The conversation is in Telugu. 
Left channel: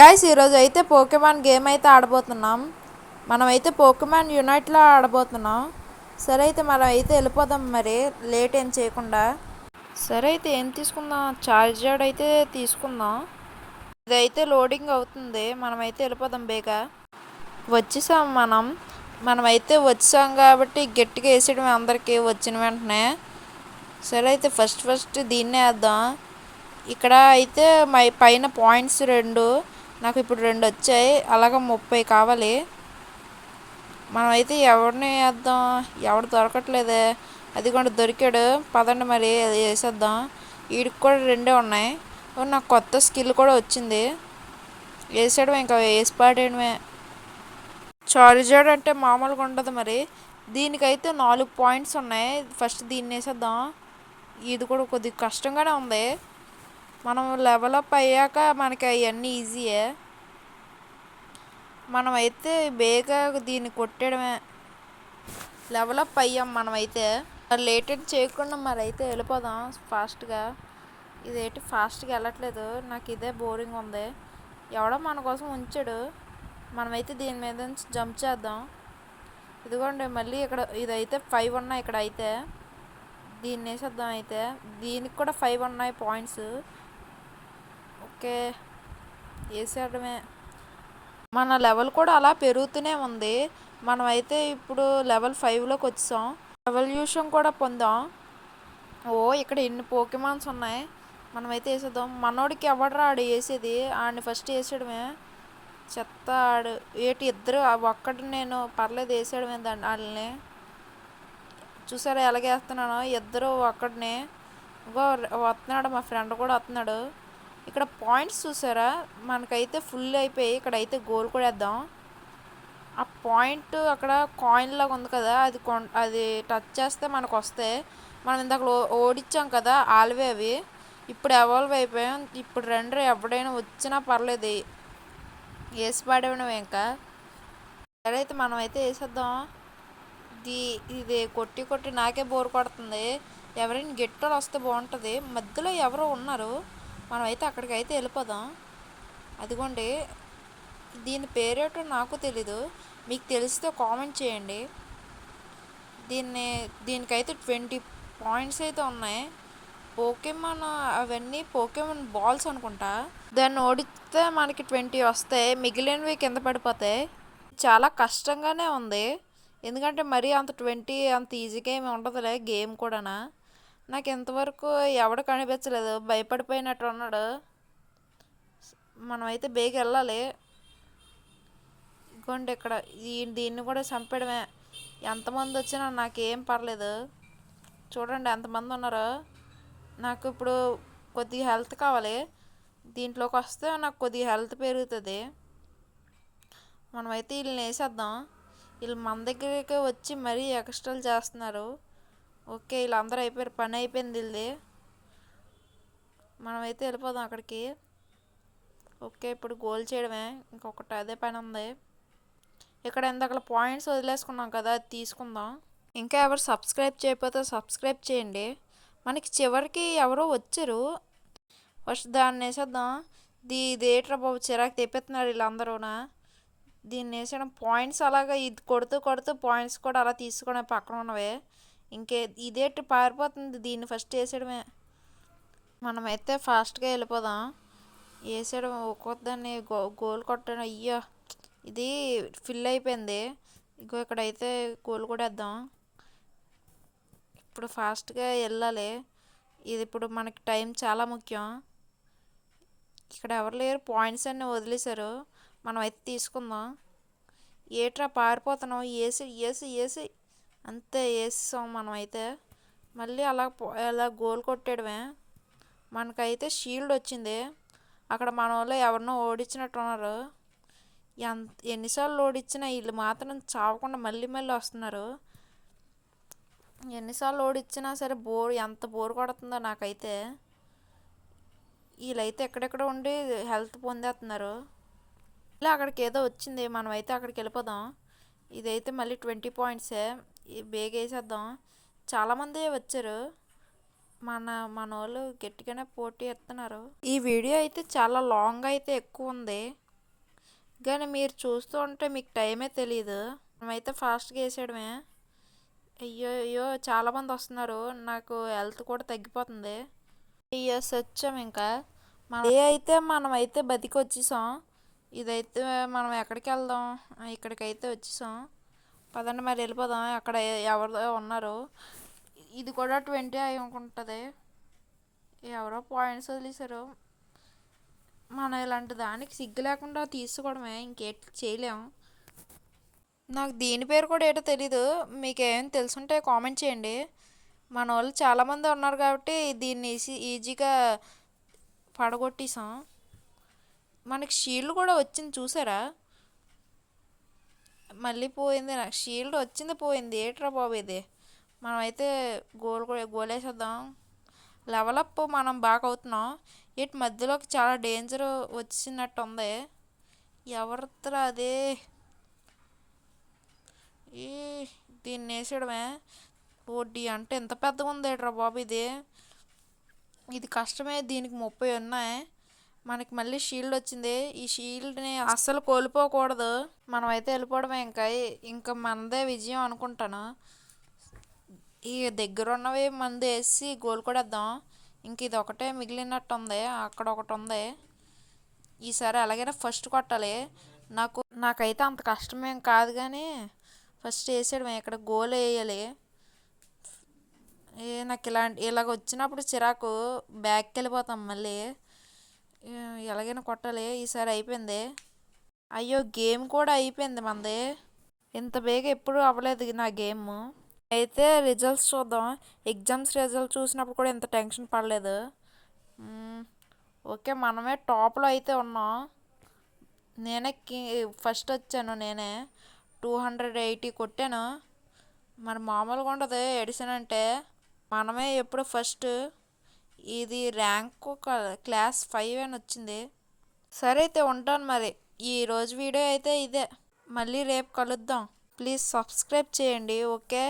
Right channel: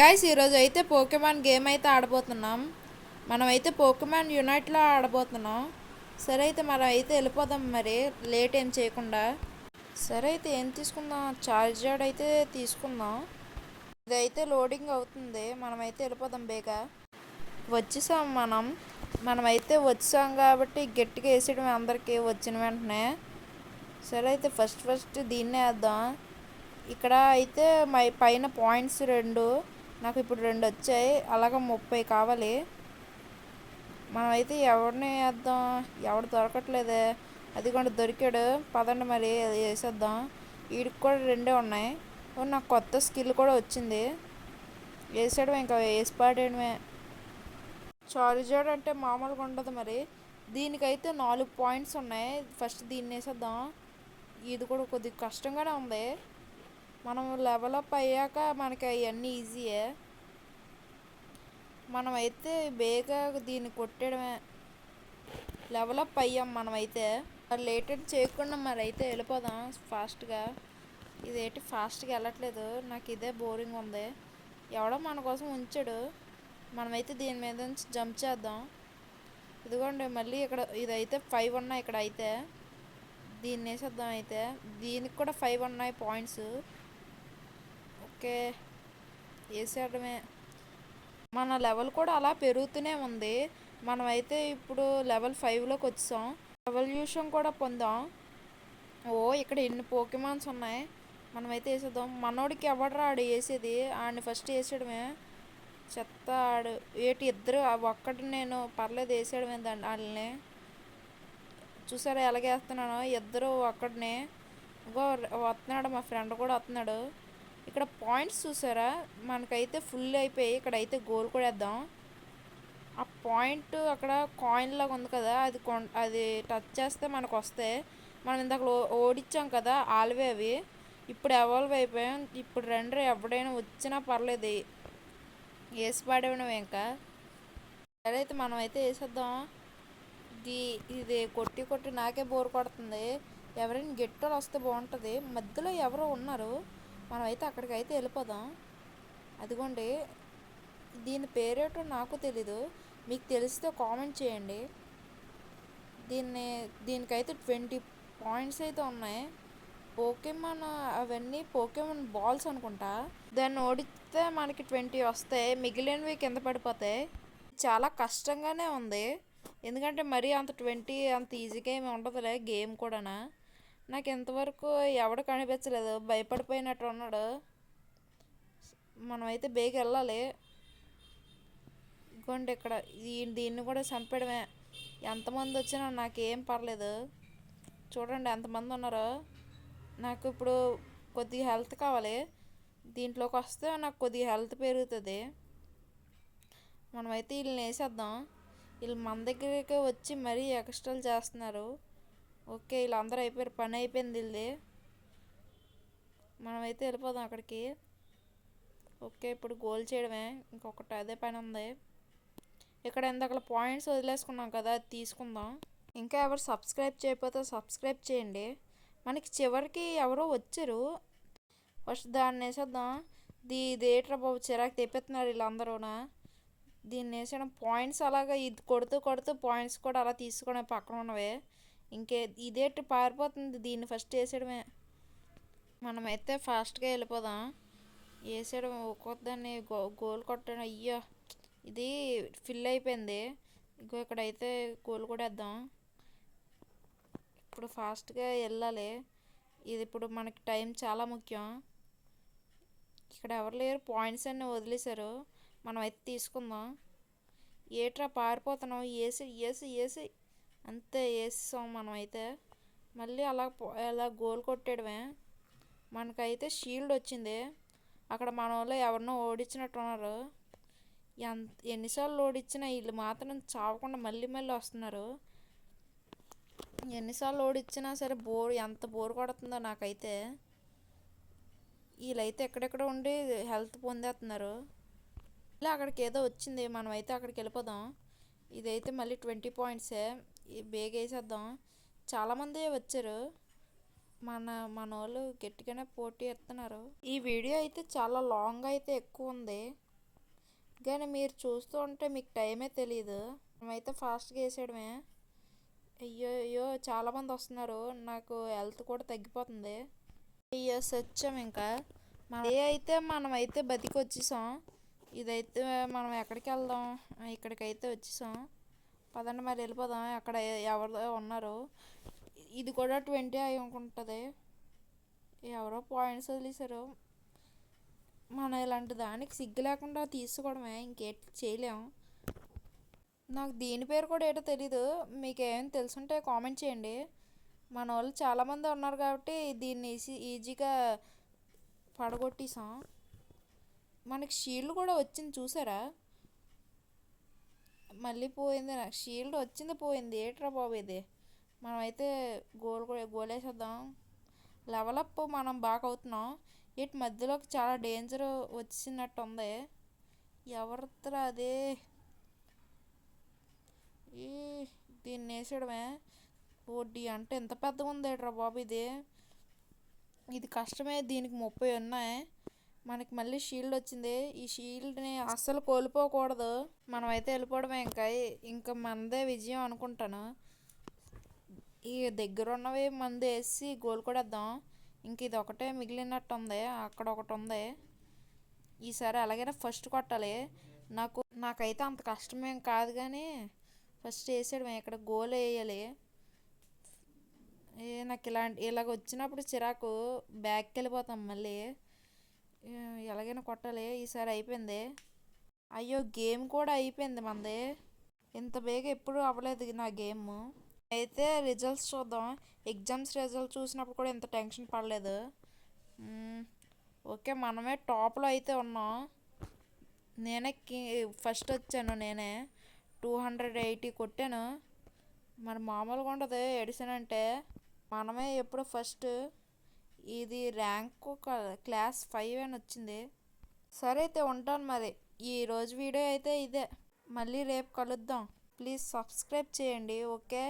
గైస్ ఈరోజు అయితే పోకెమాన్ గేమ్ అయితే ఆడబోతున్నాం. మనమైతే పోకెమాన్ యునైట్లో ఆడబోతున్నాం. సరే అయితే మనం అయితే వెళ్ళిపోదాం, మరి లేట్ ఏం చేయకుండా. సరే అయితే ఏం తీసుకుందాం, చార్జర్డ్ అయితే తీసుకుందాం. ఇదైతే లోడింగ్ అవుతుంది, మనమైతే వెళ్ళిపోదాం బేగా. వచ్చేసాం మనమైతే వచ్చాం కాబట్టి గట్టిగా వేసేయడం అందరికీ వచ్చిన వెంటనే. సరే అయితే ఫస్ట్ దీన్నే వేద్దాం. ఇక్కడ అయితే పైన పాయింట్స్ 2, నాకు ఇప్పుడు 2 వచ్చాయి, అలాగ 30 కావాలి. మనమైతే ఎవరిని వేద్దాం, ఎవడు దొరకట్లేదే. అది కూడా దొరికాడు, పదండి మరి వేసేద్దాం. వీడికి కూడా 2 ఉన్నాయి. నాకు కొత్త స్కిల్ కూడా వచ్చింది, వేసాడు ఇంకా వేసి పాడేయడమే. చార్జర్డ్ అంటే మామూలుగా ఉండదు మరి. దీనికైతే 4 పాయింట్స్ ఉన్నాయి. ఫస్ట్ దీన్ని వేసేద్దాం. ఇది కూడా కొద్దిగా కష్టంగానే ఉంది. మనం లెవెలప్ అయ్యాక మనకి అవన్నీ ఈజీయే. మనమైతే బేగా దీన్ని కొట్టడమే. లెవెలప్ అయ్యాం మనమైతే. లేట్ చేయకుండా మరి అయితే వెళ్ళిపోదాం ఫాస్ట్గా. ఇదేంటి ఫాస్ట్గా వెళ్ళట్లేదు, నాకు ఇదే బోరింగ్ ఉంది. ఎవడో మన కోసం ఉంచాడు, మనమైతే దీని మీద నుంచి జంప్ చేద్దాం. ఇదిగోండి మళ్ళీ ఇక్కడ ఇదైతే 5 ఉన్నాయి. ఇక్కడ అయితే దీన్ని వేసేద్దాం. అయితే దీనికి కూడా 5 ఉన్నాయి పాయింట్స్. ఓకే వేసేయడమే. మన లెవెల్ కూడా అలా పెరుగుతూనే ఉంది. మనమైతే ఇప్పుడు లెవెల్ 5లోకి వచ్చాం. రెవల్యూషన్ కూడా పొందాం. ఇక్కడ ఎన్ని పోకెమాన్స్ ఉన్నాయి. మనమైతే వేసేద్దాం. మనోడికి ఎవడరా ఆడు వేసేది, ఆడిని ఫస్ట్ వేసేయడమే. చెత్త ఆడు ఏటి ఇద్దరు ఒక్కటి నేను పర్లేదు వేసేయడమే వాళ్ళని. చూసారా ఎలాగేస్తున్నాను, ఇద్దరు ఒక్కడిని. ఇంకో వస్తున్నాడు, మా ఫ్రెండ్ కూడా వస్తున్నాడు. ఇక్కడ పాయింట్స్ చూసారా, మనకైతే ఫుల్ అయిపోయి. ఇక్కడైతే గోల్ కూడా వేద్దాం. ఆ పాయింట్ అక్కడ కాయిన్ లాగా ఉంది కదా, అది టచ్ చేస్తే మనకు వస్తాయి. మనం ఇందాక ఓడించాం కదా ఆల్వే అవి, ఇప్పుడు ఎవాల్వ్ అయిపోయాం. ఇప్పుడు ఎవడైనా వచ్చినా పర్లేదు, వేసి పాడేవడం ఇంకా. సరే అయితే మనమైతే వేసేద్దాం. ఇది కొట్టి నాకే బోర్ కొడుతుంది. ఎవరైనా గెట్టోలు వస్తే బాగుంటుంది. మధ్యలో ఎవరో ఉన్నారు, మనమైతే అక్కడికైతే వెళ్ళిపోదాం. అదిగోండి, దీని పేరేటో నాకు తెలీదు, మీకు తెలిస్తే కామెంట్ చేయండి. దీనికైతే 20 పాయింట్స్ అయితే ఉన్నాయి. పోకెమాన్ అవన్నీ పోకెమాన్ బాల్స్ అనుకుంటా. దాన్ని ఓడిస్తే మనకి 20 వస్తాయి, మిగిలినవి కింద పడిపోతాయి. చాలా కష్టంగానే ఉంది, ఎందుకంటే మరీ అంత 20 అంత ఈజీగా ఏమి ఉండదులే గేమ్ కూడా. నాకు ఇంతవరకు ఎవడు కనిపించలేదు, భయపడిపోయినట్టు ఉన్నాడు. మనమైతే బేగ వెళ్ళాలి. ఇదిగోండి ఇక్కడ దీన్ని కూడా చంపడమే. ఎంతమంది వచ్చినా నాకేం పర్లేదు. చూడండి ఎంతమంది ఉన్నారు. నాకు ఇప్పుడు కొద్దిగా హెల్త్ కావాలి, దీంట్లోకి వస్తే నాకు కొద్దిగా హెల్త్ పెరుగుతుంది. మనమైతే వీళ్ళని వేసేద్దాం. వీళ్ళు మన దగ్గరికి వచ్చి మరీ ఎక్స్ట్రాలు చేస్తున్నారు. ఓకే వీళ్ళందరూ అయిపోయారు, పని అయిపోయింది వీళ్ళది. మనమైతే వెళ్ళిపోదాం అక్కడికి. ఓకే ఇప్పుడు గోల్ చేయడమే, ఇంకొకటి అదే పని ఉంది. ఇక్కడ ఇందాక పాయింట్స్ వదిలేసుకున్నాం కదా, అది తీసుకుందాం. ఇంకా ఎవరు సబ్స్క్రైబ్ చేయకపోతే సబ్స్క్రైబ్ చేయండి. మనకి చివరికి ఎవరో వచ్చారు, ఫస్ట్ దాన్ని వేసేద్దాం. ఇదేట్రా బాబు చిరాకు తెప్పిస్తున్నారు వీళ్ళందరూనా. దీన్ని వేసేయడం పాయింట్స్ అలాగా, ఇది కొడుతూ పాయింట్స్ కూడా అలా తీసుకోవడం పక్కన ఉన్నవే. ఇదేంటి పారిపోతుంది, దీన్ని ఫస్ట్ వేసేయడమే. మనమైతే ఫాస్ట్గా వెళ్ళిపోదాం. వేసేయడం ఒక్కొక్కదాన్ని గోల్ కొట్టడం. అయ్యో ఇది ఫిల్ అయిపోయింది. ఇక్కడైతే గోల్ కూడా వేద్దాం. ఇప్పుడు ఫాస్ట్గా వెళ్ళాలి, ఇది ఇప్పుడు మనకి టైం చాలా ముఖ్యం. ఇక్కడ ఎవరు లేరు, పాయింట్స్ అన్నీ వదిలేశారు, మనమైతే తీసుకుందాం. ఏట్రా పారిపోతున్నాం, వేసి అంతే వేసాం. మనమైతే మళ్ళీ అలా గోల్ కొట్టేయడమే. మనకైతే షీల్డ్ వచ్చింది. అక్కడ మన వాళ్ళు ఎవరినో ఓడించినట్టున్నారు. ఎన్నిసార్లు ఓడించినా వీళ్ళు మాత్రం చావకుండా మళ్ళీ వస్తున్నారు. ఎన్నిసార్లు ఓడించినా సరే ఎంత బోర్ కొడుతుందో నాకైతే. వీళ్ళైతే ఎక్కడెక్కడ ఉండి హెల్త్ పొందేస్తున్నారు. ఇలా అక్కడికి ఏదో వచ్చింది, మనమైతే అక్కడికి వెళ్ళిపోదాం. ఇదైతే మళ్ళీ 20 పాయింట్సే, బేగ వేసేద్దాం. చాలామంది వచ్చారు, మన వాళ్ళు గట్టిగానే పోటీ ఎత్తున్నారు. ఈ వీడియో అయితే చాలా లాంగ్ అయితే ఎక్కువ ఉంది. కానీ మీరు చూస్తూ ఉంటే మీకు టైమే తెలియదు. మనమైతే ఫాస్ట్గా వేసేయడమే. అయ్యో అయ్యో చాలామంది వస్తున్నారు, నాకు హెల్త్ కూడా తగ్గిపోతుంది. ఇయర్స్ వచ్చాం ఇంకా. మనమైతే బతికి వచ్చేసాం. ఇదైతే మనం ఎక్కడికి వెళ్దాం? ఇక్కడికైతే వచ్చేసాం. పదండి మరి వెళ్ళిపోదాం. అక్కడ ఎవరో ఉన్నారు. ఇది కూడా 20 అయి ఉంటుంది. ఎవరో పాయింట్స్ వదిలేశారు. మనం ఇలాంటి దానికి సిగ్గు లేకుండా తీసుకోవడమే, ఇంకేట్ చేయలేము. నాకు దీని పేరు కూడా ఏటో తెలీదు. మీకేం తెలుసుంటే కామెంట్ చేయండి. మన వాళ్ళు చాలామంది ఉన్నారు కాబట్టి దీన్ని ఈజీగా పడగొట్టేసాం. మనకి షీల్డ్ కూడా వచ్చింది చూసారా? మళ్ళీ పోయింది. నాకు షీల్డ్ వచ్చింది పోయింది. ఏట్రా బాబు ఇది. మనమైతే గోలేసేద్దాం. లెవలప్ మనం బాగా అవుతున్నాం. ఇటు మధ్యలోకి చాలా డేంజర్ వచ్చినట్టు ఉంది. ఎవరితో అదే ఈ దీన్ని వేసేయడమే. ఓడి అంటే ఎంత పెద్దగా ఉంది ఏట్రా బాబు ఇది. ఇది కష్టమే. దీనికి 30 ఉన్నాయి. మనకి మళ్ళీ షీల్డ్ వచ్చింది. ఈ షీల్డ్ని అస్సలు కోల్పోకూడదు. మనమైతే వెళ్ళిపోవడమే. ఇంకా మనదే విజయం అనుకుంటాను. ఈ దగ్గర ఉన్నవి మంది వేసి గోల్ కూడా వేద్దాం. ఇంక ఇది ఒకటే మిగిలినట్టు ఉంది. అక్కడ ఒకటి ఉంది. ఈసారి ఎలాగైనా ఫస్ట్ కొట్టాలి. నాకైతే అంత కష్టమేం కాదు, కానీ ఫస్ట్ వేసేయడమే. ఇక్కడ గోల్ వేయాలి. నాకు ఇలాగ వచ్చినప్పుడు చిరాకు, బ్యాక్కి వెళ్ళిపోతాం మళ్ళీ. ఎలాగైనా కొట్టాలి. ఈసారి అయిపోయింది. అయ్యో గేమ్ కూడా అయిపోయింది మనది. ఇంత బేగా ఎప్పుడు అవ్వలేదు నా గేమ్. అయితే రిజల్ట్స్ చూద్దాం. ఎగ్జామ్స్ రిజల్ట్ చూసినప్పుడు కూడా ఇంత టెన్షన్ పడలేదు. ఓకే, మనమే టాప్లో అయితే ఉన్నాం. నేనే ఫస్ట్ వచ్చాను. నేనే 280 కొట్టాను. మరి మామూలుగా ఉండదు ఎడిషన్ అంటే. మనమే ఎప్పుడు ఫస్ట్. ఇది ర్యాంక్ క్లాస్ 5 అని వచ్చింది. సరే అయితే ఉంటాను మరి. ఈరోజు వీడియో అయితే ఇదే. మళ్ళీ రేపు కలుద్దాం. ప్లీజ్ సబ్స్క్రైబ్ చేయండి. ఓకే.